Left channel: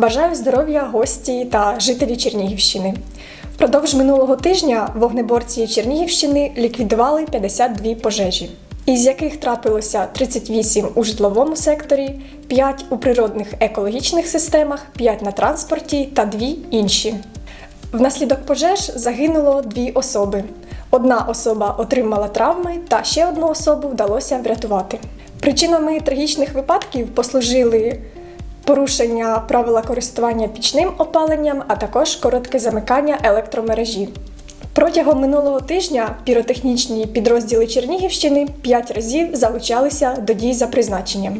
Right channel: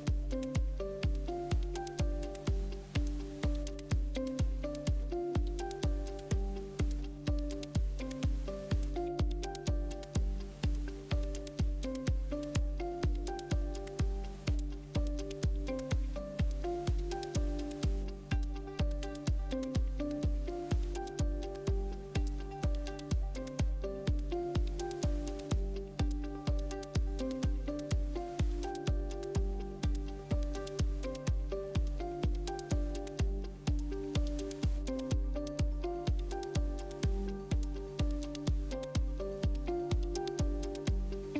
Бажаю здоров'я гості та жителі Чернігівщини. Впродовж минулого тижня вогнеборці Чернігівщини ліквідували 52 пожежі, із яких трапилося 38 у житловому секторі, 5 у природних екологічних системах, 5 на транспорті та 2 інші. Внаслідок пожеж загинуло дві особи. Одна особа отримала травми, та ще одну особу вдалося врятувати. Причинами трагічних випадків послужили порушення правила користування пічним опаленням, а також коротке замикання електромережі. Протягом минулого тижня піротехнічні підрозділи Чернігівщини 5 разів залучалися до дій за призначенням.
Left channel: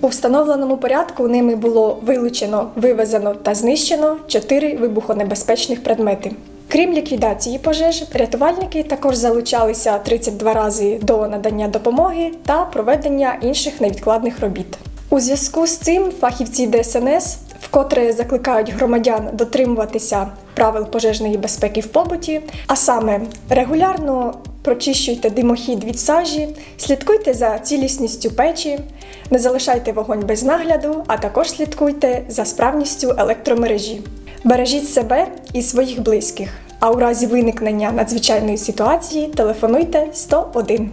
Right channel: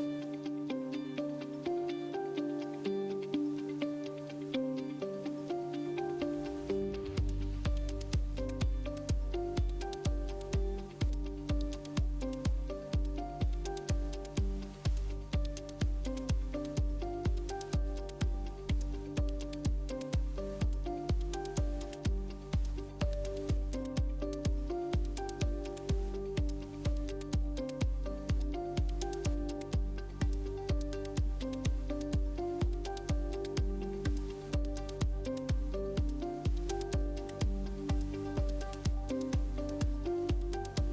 У встановленому порядку ними було вилучено, вивезено та знищено 4 вибухонебезпечних предмети. Крім ліквідації пожеж, рятувальники також залучалися 32 рази до надання допомоги та проведення інших невідкладних робіт. У зв'язку з цим фахівці ДСНС вкотре закликають громадян дотримуватися правил пожежної безпеки в побуті, а саме регулярно прочищуйте димохід від сажі, слідкуйте за цілісністю печі, не залишайте вогонь без нагляду, а також слідкуйте за справністю електромережі. Бережіть себе і своїх близьких. А у разі виникнення надзвичайної ситуації телефонуйте 101.